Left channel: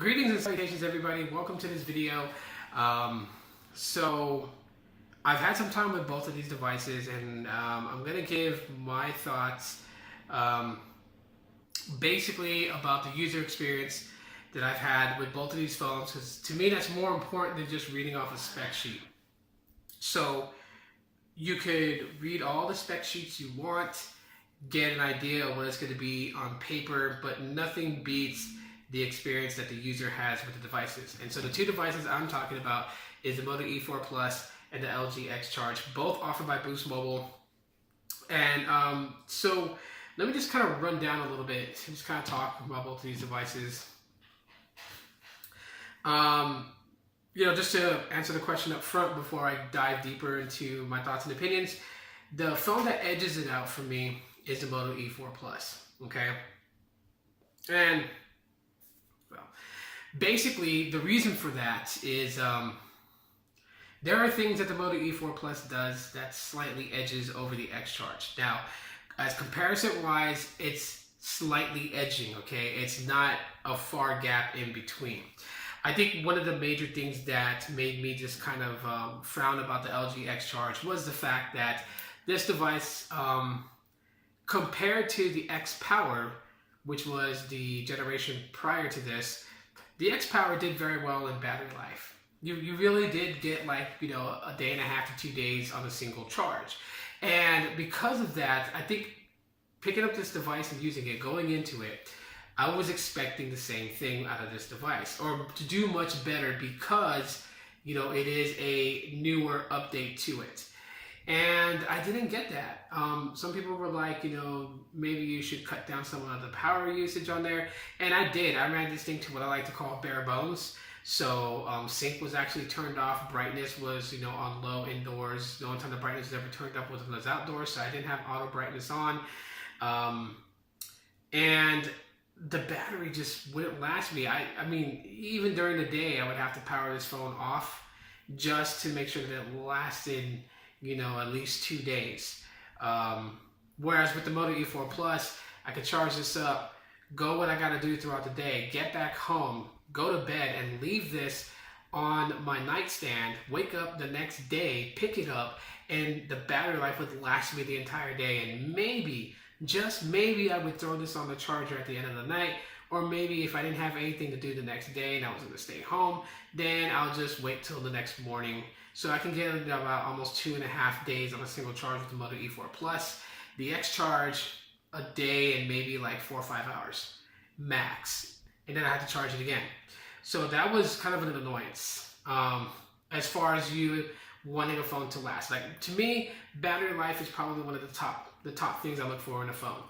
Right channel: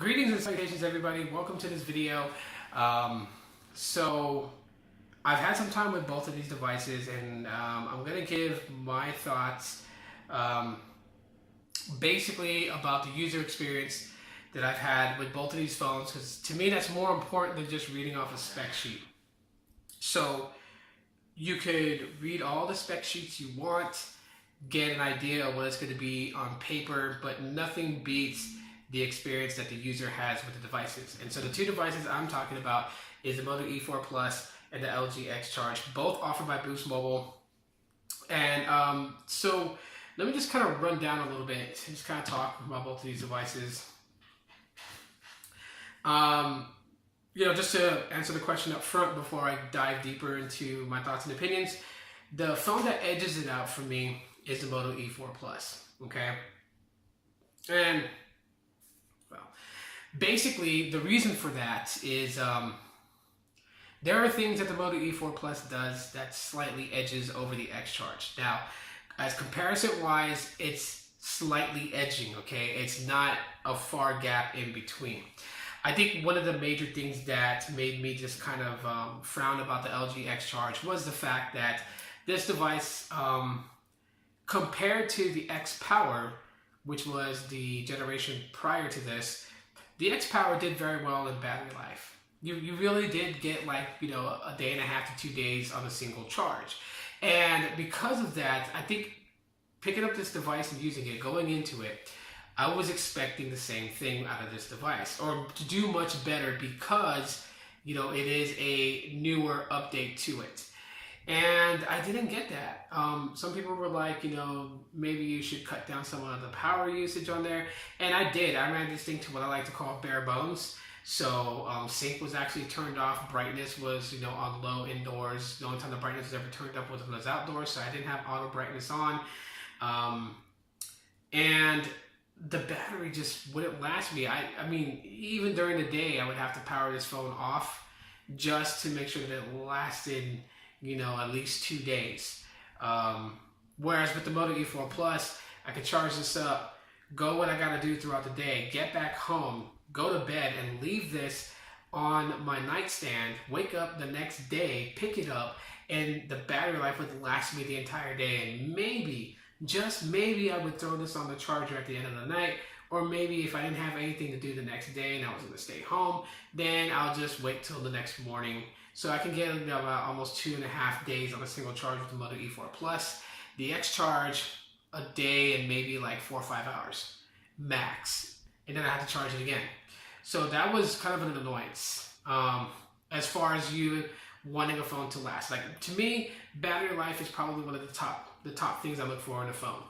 Greetings and salutations, everybody. Welcome to this video. So I've had some time with both of these devices, and I'm going to give my thoughts basically about the user experience that I've had with both of these phones, because to me that's more important than just reading off a spec sheet. So you could read all the spec sheets you want, get an idea of what it's going to be on paper, but nothing beats the experience that the user has with the devices. And so the two devices I'm talking about is the Moto E4 Plus and the LG X Charge, both offered by Boost Mobile. And so let me just kind of run down a little bit and just kind of talk about both of these devices. Just to answer the question up front before I dive deeper into my thoughts and opinions, the phone that edges it out for me is the Moto E4 Plus, okay? And well, basically the reason for that is there are things that the Moto E4 Plus does that slightly edges over the X Charge. Now, as comparison wise, it's slightly edging, okay? It's not a far gap in between. I think one of the major things that made me just kind of frown about the LG X Charge was the fact that this device, compared to the X Power, which was the generation prior to this, the X Power did very well in battery life. You really did get a day and a half to 2 days on a single charge. And because of that, I think picking up this device and using it, going into it, I was expecting the same thing out of this device, or to do much better, because it is a newer update to it. And I didn't get that. Some people were like, maybe you should cut down some of the power usage on there. And I did. I ran this thing to what I like to call bare bones. So sync was actually turned off. Brightness was, on low indoors. The only time the brightness was ever turned up was when I was outdoors. So I didn't have auto brightness on. And the battery just wouldn't last me. I mean, even during the day, I would have to power this phone off just to make sure that it lasted at least 2 days. Whereas with the Moto E4 Plus, I could charge this up, go what I got to do throughout the day, get back home, go to bed, and leave this on my nightstand, wake up the next day, pick it up, and the battery life would last me the entire day. And maybe, just maybe, I would throw this on the charger at the end of the night, or maybe if I didn't have anything to do the next day and I was going to stay home, then I'll just wait till the next morning. So I can get about almost 2.5 days on a single charge with the Moto E4 Plus. The X Charge, a day and maybe like 4 or 5 hours max, and then I had to charge it again. So that was kind of an annoyance as far as you wanting a phone to last. Like, to me, battery life is probably one of the top things I look for in a phone.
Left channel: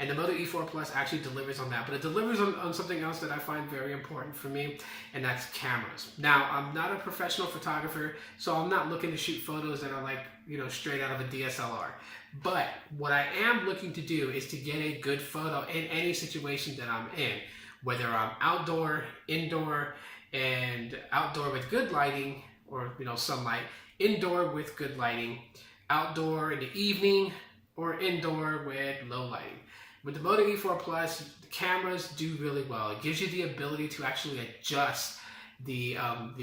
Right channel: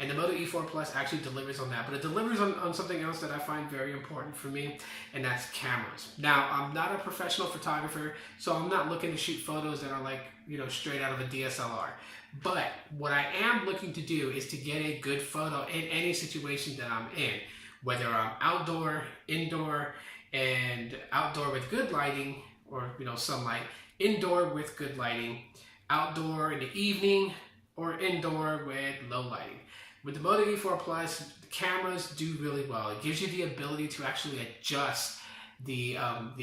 And the Moto E4 Plus actually delivers on that, but it delivers on something else that I find very important for me, and that's cameras. Now, I'm not a professional photographer, so I'm not looking to shoot photos that are like, straight out of a DSLR. But what I am looking to do is to get a good photo in any situation that I'm in, whether I'm outdoor, indoor, and outdoor with good lighting, or sunlight, indoor with good lighting, outdoor in the evening, or indoor with low lighting. With the Moto E4 Plus, the cameras do really well. It gives you the ability to actually adjust the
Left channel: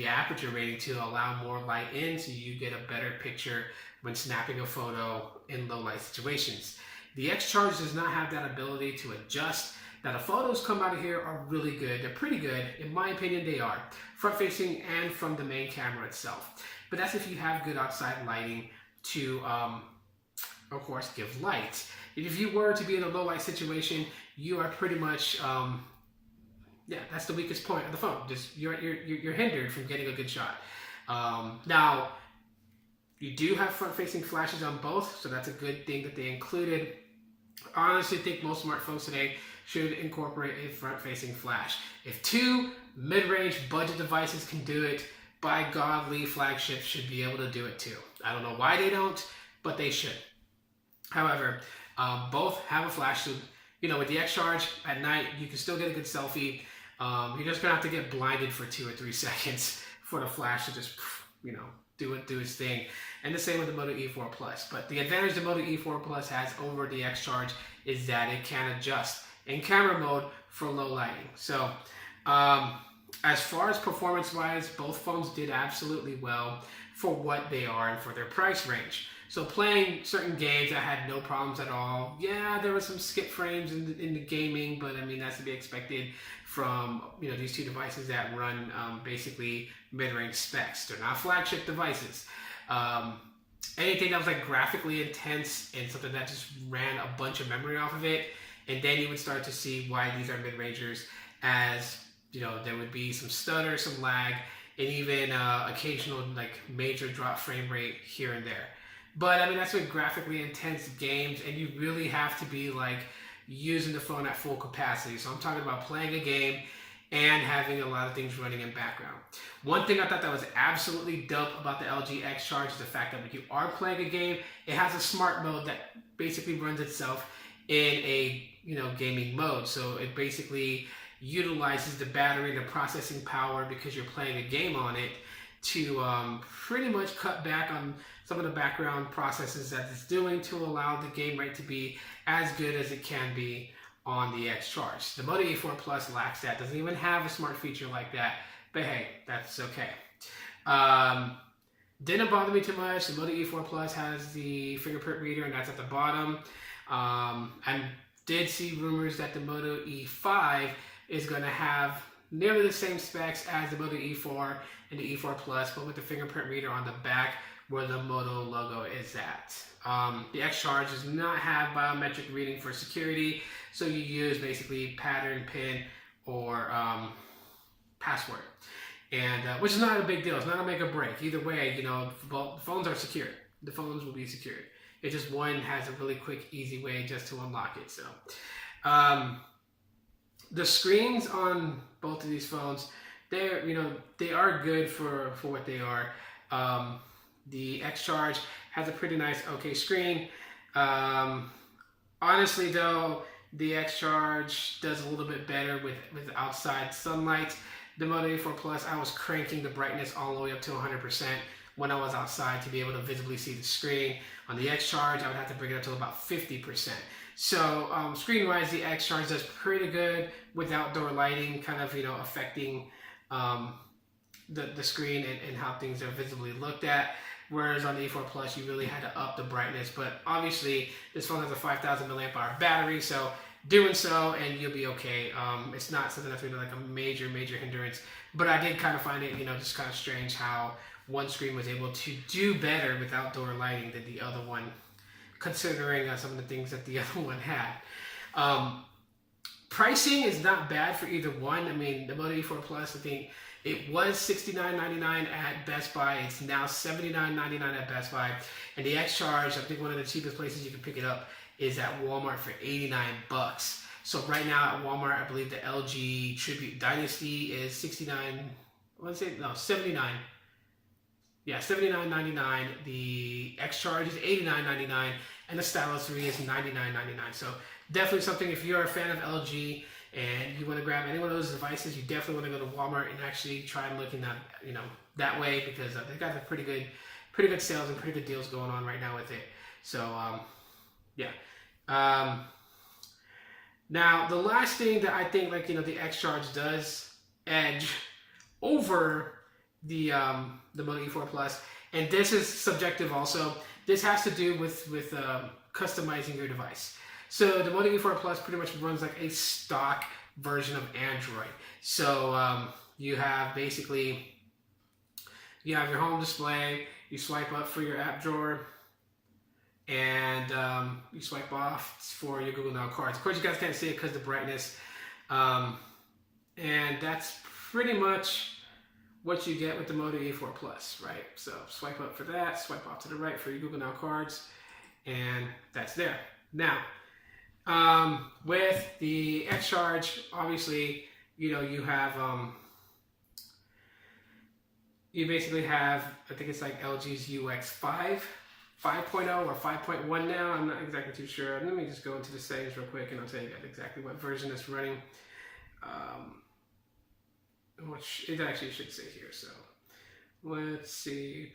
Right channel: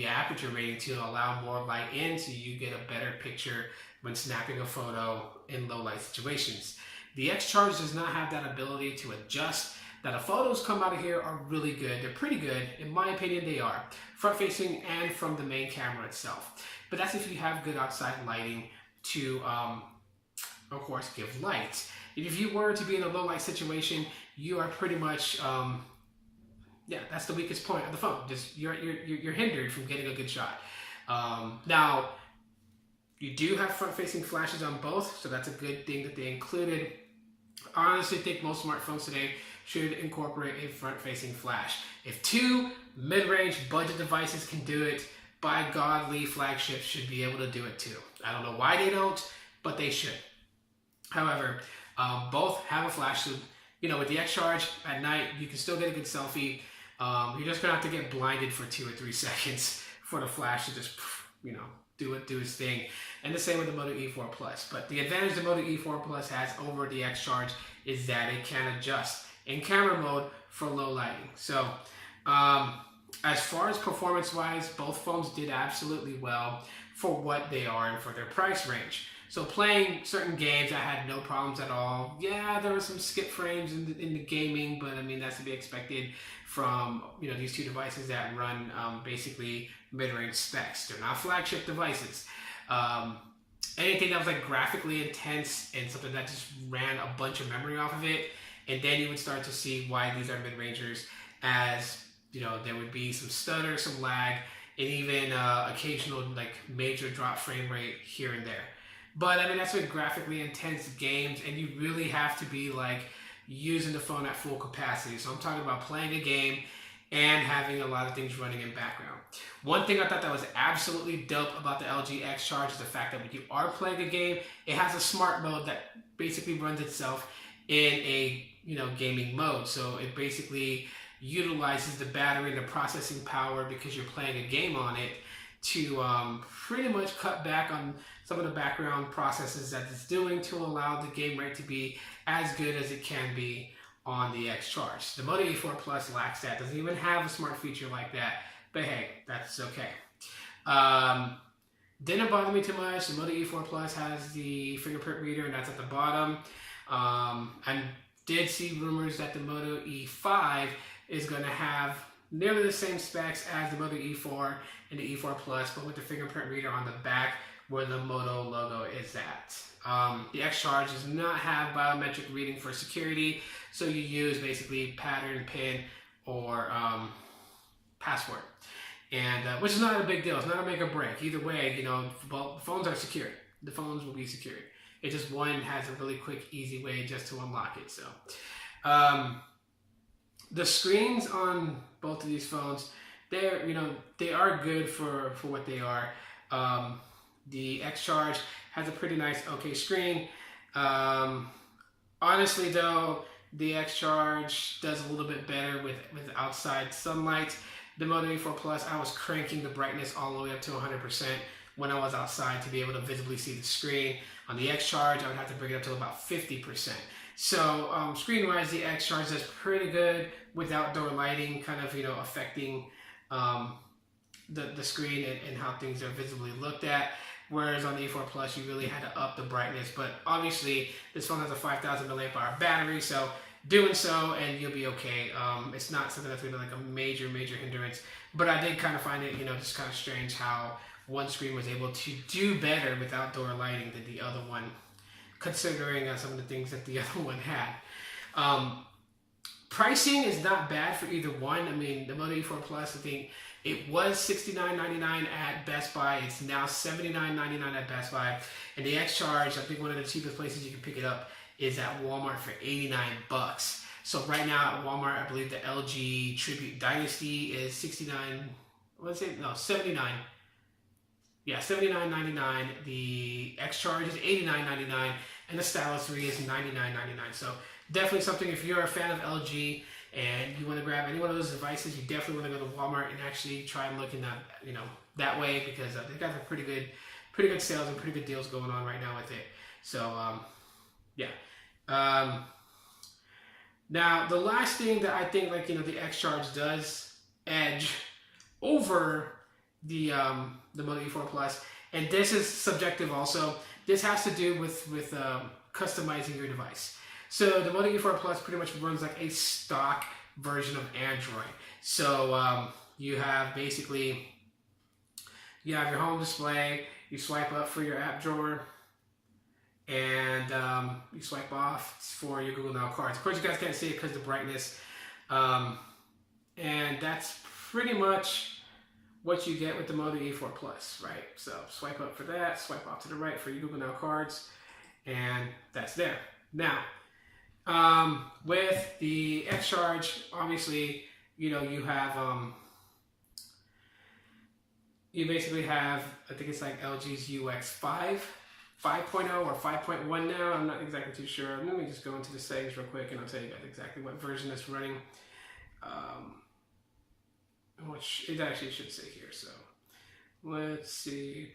aperture rating to allow more light in, so you get a better picture when snapping a photo in low light situations. The X Charge does not have that ability to adjust. Now, the photos come out of here are really good. They're pretty good. In my opinion, they are. Front facing and from the main camera itself. But that's if you have good outside lighting to, of course, give light. If you were to be in a low light situation, you are pretty much, that's the weakest point of the phone. Just you're hindered from getting a good shot. Now, you do have front facing flashes on both, so that's a good thing that they included. I honestly think most smartphones today should incorporate a front-facing flash. If two mid-range budget devices can do it, by godly, flagships should be able to do it too. I don't know why they don't, but they should. However, both have a flash. So, with the X Charge at night, you can still get a good selfie. You're just gonna have to get blinded for 2 or 3 seconds for the flash to just, do its thing. And the same with the Moto E4 Plus. But the advantage the Moto E4 Plus has over the X Charge is that it can adjust in camera mode for low lighting. So As far as performance-wise, both phones did absolutely well for what they are and for their price range. So playing certain games, I had no problems at all. Yeah, there were some skip frames in the gaming, but I mean, that's to be expected from, you know, these two devices that run basically mid-range specs. They're not flagship devices. Anything that was like graphically intense and something that just ran a bunch of memory off of it, and then you would start to see why these are mid-rangers, as you know, there would be some stutter, some lag, and even occasional like major drop frame rate here and there. But I mean, that's with graphically intense games, and you really have to be like using the phone at full capacity. So I'm talking about playing a game and having a lot of things running in background. One thing I thought that was absolutely dope about the LG X Charge is the fact that when you are playing a game, it has a smart mode that basically runs itself in a, you know, gaming mode. So it basically utilizes the battery and the processing power, because you're playing a game on it, to pretty much cut back on some of the background processes that it's doing to allow the game rate to be as good as it can be on the X Charge. The Moto E4 Plus lacks that, doesn't even have a smart feature like that, but hey, that's okay. Didn't bother me too much. The Moto E4 Plus has the Fingerprint Reader, and that's at the bottom. I did see rumors that the Moto E5 is going to have nearly the same specs as the Moto E4 and the E4 Plus, but with the Fingerprint Reader on the back where the Moto logo is at. The X Charge does not have biometric reading for security, so you use basically pattern, PIN, or password, and which is not a big deal. It's not a make or break. Either way, you know, phones are secured. The phones will be secured. It just one has a really quick, easy way just to unlock it. So, the screens on both of these phones, they're, you know, they are good for what they are. The X Charge has a pretty nice, okay screen. Honestly, though, the X Charge does a little bit better with outside sunlight. The Moto E4 Plus, I was cranking the brightness all the way up to 100% when I was outside to be able to visibly see the screen. On the X Charge, I would have to bring it up to about 50%. So screen-wise, the X Charge does pretty good with outdoor lighting, kind of, you know, affecting the screen and how things are visibly looked at. Whereas on the E4 Plus, you really had to up the brightness. But obviously, this phone has a 5,000 milliamp hour battery, so doing so and you'll be okay. It's not something that's going to be like a major hindrance. But I did kind of find it, you know, just kind of strange how one screen was able to do better with outdoor lighting than the other one, considering some of the things that the other one had. Pricing is not bad for either one. I mean, the Moto E4 Plus, I think it was $69.99 at Best Buy. It's now $79.99 at Best Buy. And the X Charge, I think one of the cheapest places you can pick it up is at Walmart for $89. So right now at Walmart, I believe the LG Tribute Dynasty is $79. Yeah, $79.99. The X Charge is $89.99, and the Stylus 3 is $99.99. So definitely something, if you're a fan of LG and you want to grab any one of those devices, you definitely want to go to Walmart and actually try and look in that, you know, that way, because they got pretty good sales and pretty good deals going on right now with it. So yeah. Now the last thing that I think, like, you know, the X Charge does edge over the Moto E4 Plus, and this is subjective also. This has to do with customizing your device. So the Moto E4 Plus pretty much runs like a stock version of Android. So you have basically, you have your home display, you swipe up for your app drawer, and you swipe off for your Google Now cards. Of course, you guys can't see it because of the brightness. And that's pretty much what you get with the Moto E4 Plus, right? So swipe up for that, swipe off to the right for your Google Now cards, and that's there. Now, with the X Charge, obviously, you know, you have, you basically have, I think it's like LG's UX 5.0 or 5.1 now. I'm not exactly too sure. Let me just go into the settings real quick and I'll tell you guys exactly what version it's running. Which it actually should say here. So let's see.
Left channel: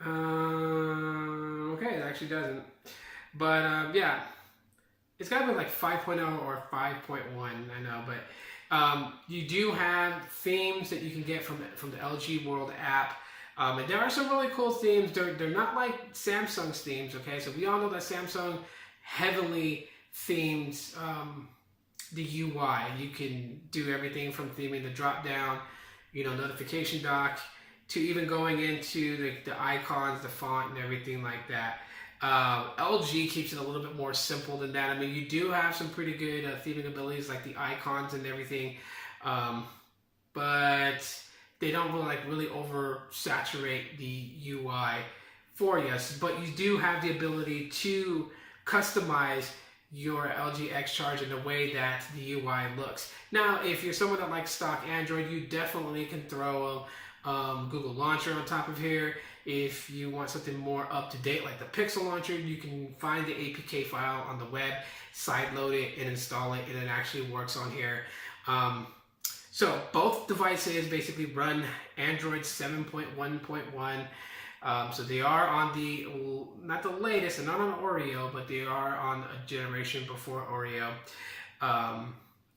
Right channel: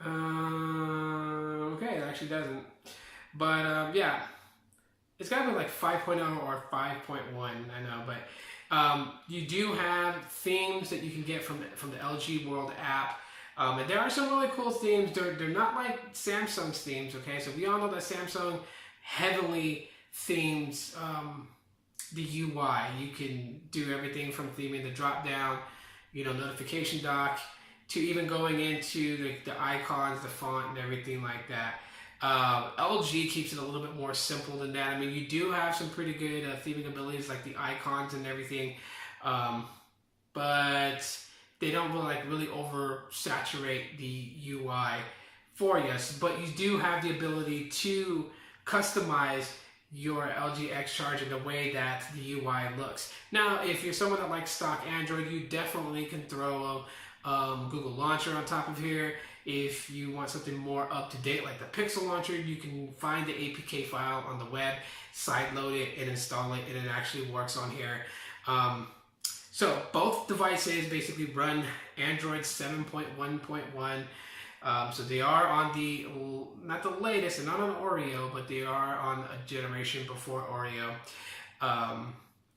Okay, it actually doesn't. But yeah, it's got to be like 5.0 or 5.1, I know, but you do have themes that you can get from the LG World app. And there are some really cool themes. They're not like Samsung's themes, okay? So we all know that Samsung heavily themes the UI. You can do everything from theming the drop down, notification dock, to even going into the icons, the font, and everything like that. LG keeps it a little bit more simple than that. I mean, you do have some pretty good theming abilities like the icons and everything, but they don't really oversaturate the UI for you. But you do have the ability to customize your LG X Charge in the way that the UI looks. Now, if you're someone that likes stock Android, you definitely can throw a Google Launcher on top of here. If you want something more up to date like the Pixel Launcher, you can find the APK file on the web, sideload it, and install it, and it actually works on here. So both devices basically run Android 7.1.1. So they are on not the latest and not on Oreo, but they are on a generation before Oreo.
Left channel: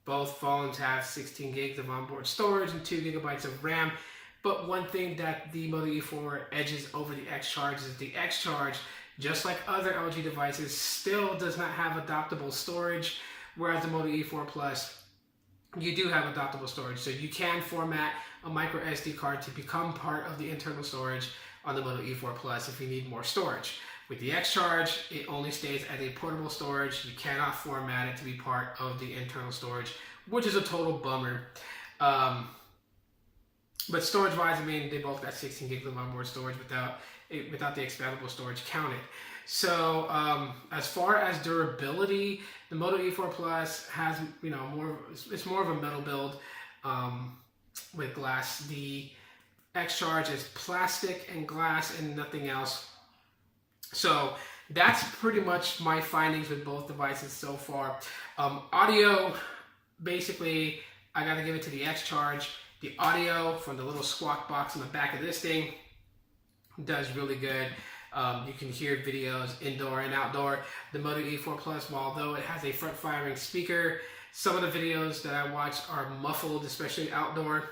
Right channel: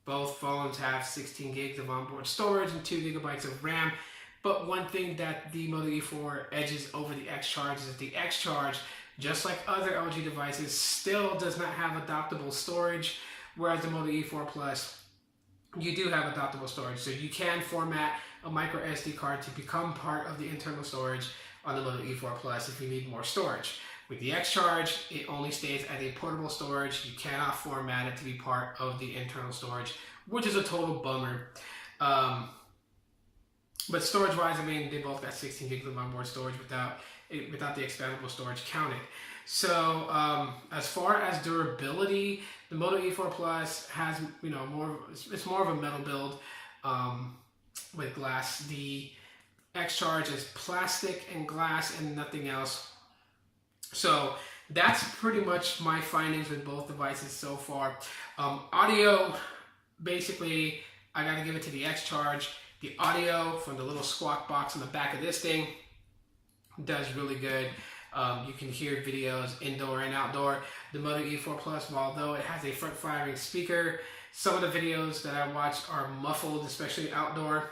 Both phones have 16 gigs of onboard storage and 2 gigabytes of RAM. But one thing that the Moto E4 edges over the X Charge is the X Charge, just like other LG devices, still does not have adoptable storage, whereas the Moto E4 Plus, you do have adoptable storage. So you can format a micro SD card to become part of the internal storage on the Moto E4 Plus if you need more storage. With the X Charge, it only stays as a portable storage. You cannot format it to be part of the internal storage, which is a total bummer. But storage-wise, I mean, they both got 16 gigs of onboard storage without the expandable storage counted. So as far as durability, the Moto E4 Plus has it's more of a metal build with glass. The X Charge is plastic and glass and nothing else. So that's pretty much my findings with both devices so far. Audio, basically, I got to give it to the X Charge. The audio from the little squawk box on the back of this thing does really good. You can hear videos indoor and outdoor. The Moto E4 Plus, although it has a front-firing speaker, some of the videos that I watch are muffled, especially outdoor.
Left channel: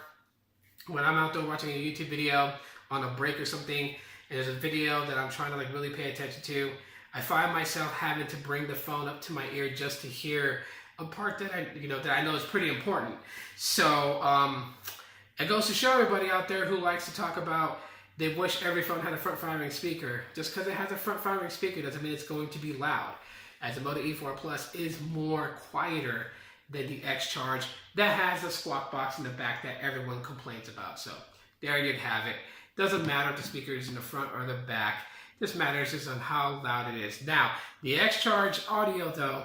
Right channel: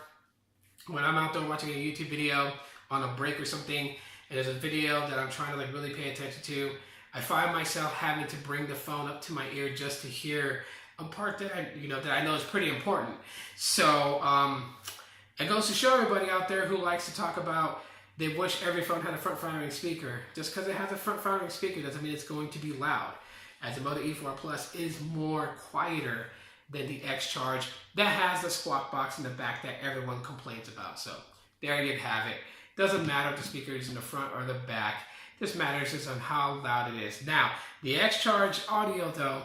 When I'm outdoor watching a YouTube video on a break or something, and there's a video that I'm trying to really pay attention to, I find myself having to bring the phone up to my ear just to hear a part that I know is pretty important. So it goes to show everybody out there who likes to talk about they wish every phone had a front-firing speaker. Just because it has a front-firing speaker doesn't mean it's going to be loud, as the Moto E4 Plus is more quieter than the X Charge that has a squawk box in the back that everyone complains about. So there you have it. Doesn't matter if the speaker is in the front or the back. This matters just on how loud it is. Now, the X Charge audio, though,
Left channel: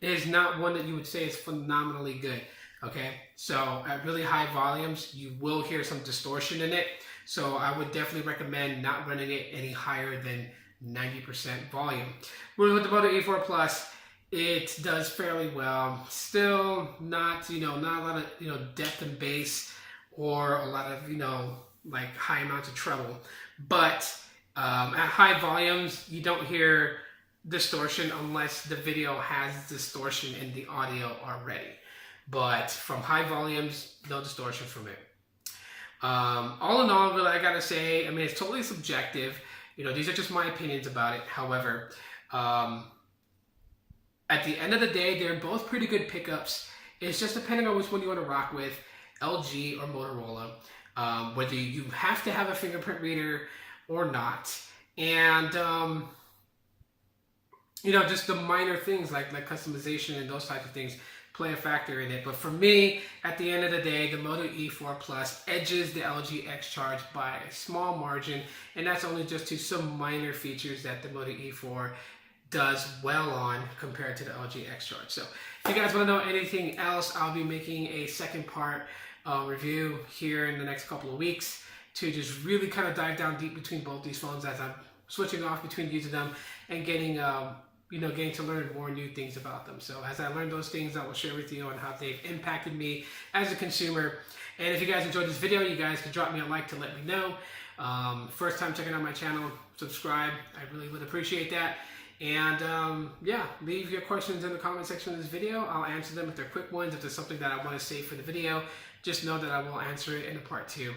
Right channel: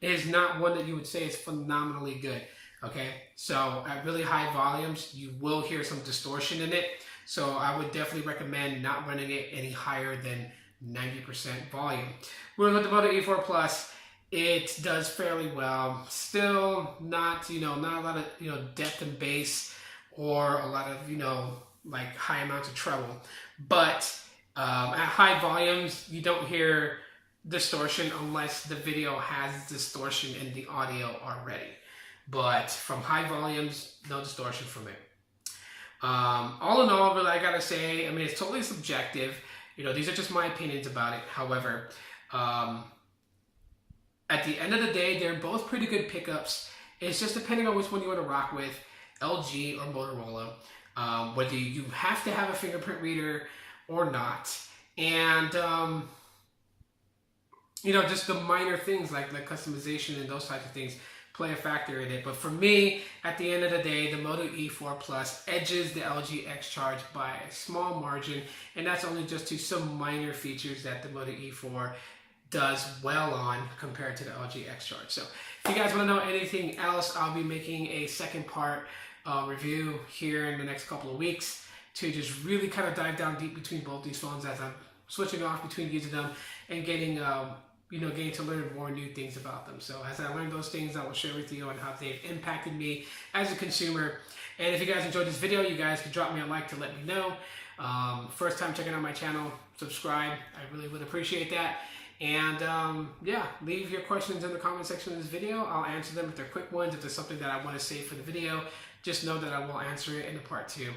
is not one that you would say is phenomenally good. Okay, so at really high volumes, you will hear some distortion in it. So I would definitely recommend not running it any higher than 90% volume. Whereas with the Moto E4 Plus, it does fairly well. Still not, not a lot of, depth and bass or a lot of, high amounts of treble. But at high volumes, you don't hear distortion unless the video has distortion in the audio already. But from high volumes, no distortion from it. All in all, really, I gotta say, I mean, it's totally subjective. These are just my opinions about it. However, at the end of the day, they're both pretty good pickups. It's just depending on which one you want to rock with, LG or Motorola. Whether you have to have a fingerprint reader or not. And, just the minor things like customization and those types of things play a factor in it. But for me, at the end of the day, the Moto E4 Plus edges the LG X Charge by a small margin, and that's only just to some minor features that the Moto E4 does well on compared to the LG X Charge. So if you guys want to know anything else, I'll be making a second part review here in the next couple of weeks to just really kind of dive down deep between both these phones as I'm switching off between using them and getting to learn more new things about them. So as I learn those things, I will share with you on how they've impacted me as a consumer. And if you guys enjoyed this video, you guys can drop me a like to let me know. First time checking out my channel, subscribe. I really would appreciate that. And yeah, leave your questions in the comment section of this video. I'll answer them if they're quick ones. If there's something that I want to save for the video, just know that I will answer it in a part 2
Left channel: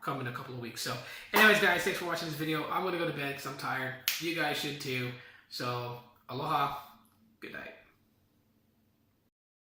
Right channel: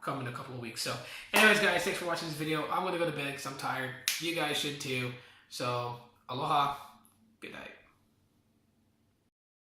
come in a couple of weeks. So anyways, guys, thanks for watching this video. I'm going to go to bed because I'm tired. You guys should too. So aloha. Good night.